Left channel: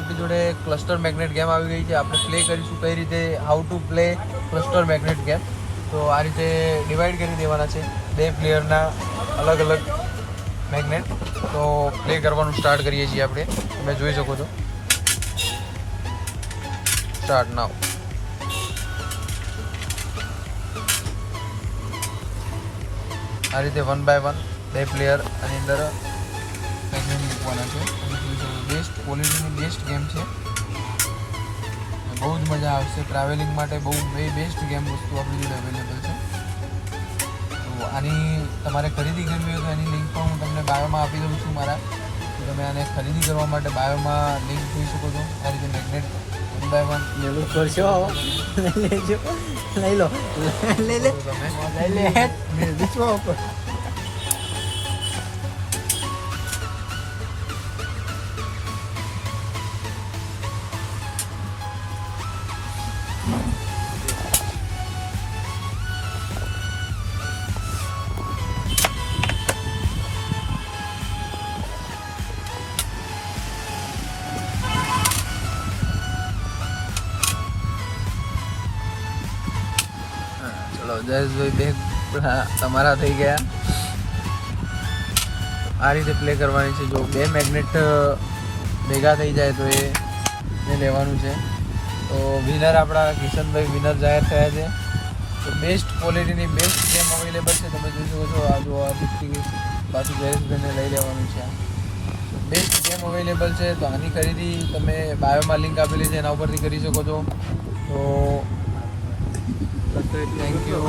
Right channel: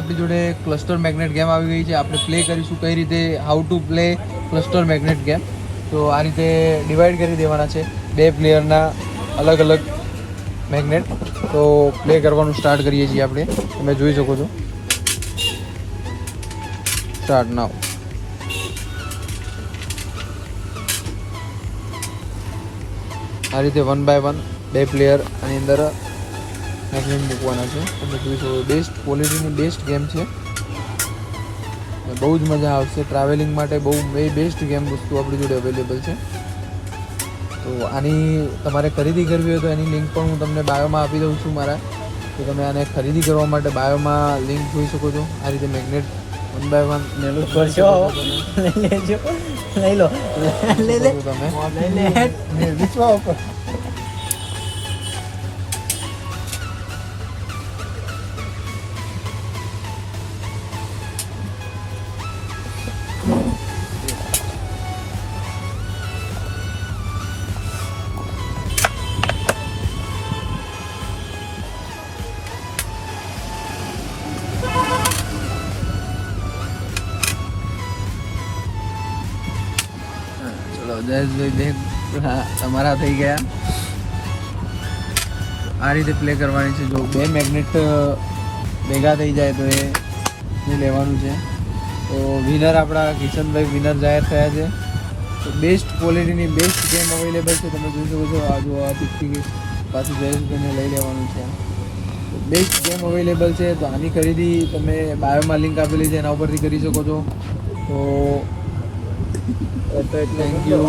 આપણી જોડે cluster magnet game આવી ગઈ છે. આપણે પ્લે કરીશું કઈ રીતે, how to play cluster magnet game. તો આ રીતે ડિવાઈડ કરી દેવાના છે 2 પ્લેયરના અલગ અલગ મેગ્નેટ. તો પ્લે કરવાનું સ્ટાર્ટ કરીએ છીએ આપણે. તમે જોઈ શકો છો. Start now. આ રીતે 1 બાય 1 2 પ્લેયર આની અંદર મેગ્નેટ મૂકવાના છે. તમે જોઈ શકો બેસ્ટ ક્વોલિટીની બેસ્ટ ગેમ છે. બહુ જ મજા આવશે ટ્રાવેલિંગ માટે. બહુ બેસ્ટ ગેમ વસ્તુ આપણી જોડે અવેલેબલ છે. તો આની તમારે ખરીદી કરવી હોય તો એની લિંક પણ હું તમને બાયોમાં આપી દઉં છું મારા. તો તમે આને ખરીદી કરવા માટે બાયોમાં લિંક જોઈ શકો છો. આ રીતે મેગ્નેટ 1 બાય 1 લેલું કરશો લઈ લેજો, લઈ લો, લે લે તમે લઈ લે વિશ્વા ઉપર. જયેશભાઈ તમારા થઈ ગયા. આ રીતે પ્લે કરવાની છે. જો 2 મેગ્નેટ ભેગા થઈ જાય તો એ લેવાનું છે. તો વિનર આપણા કિશનભાઈ વિનર જાહેર થયા છે. તો બેસ્ટ ક્વોલિટીની બેસ્ટ ગેમ અવેલેબલ છે. તમે જોઈ શકો છો. આજુ આથી પાછું જયેશભાઈને લઈ લેવાનું છે. બેસ્ટ ગેમ અવેલેબલ છે. તો આની ખરીદી તમે બાયોમાં લિંક આપેલી છે એના ઉપરથી કરી શકો છો. તો થેન્ક યુ.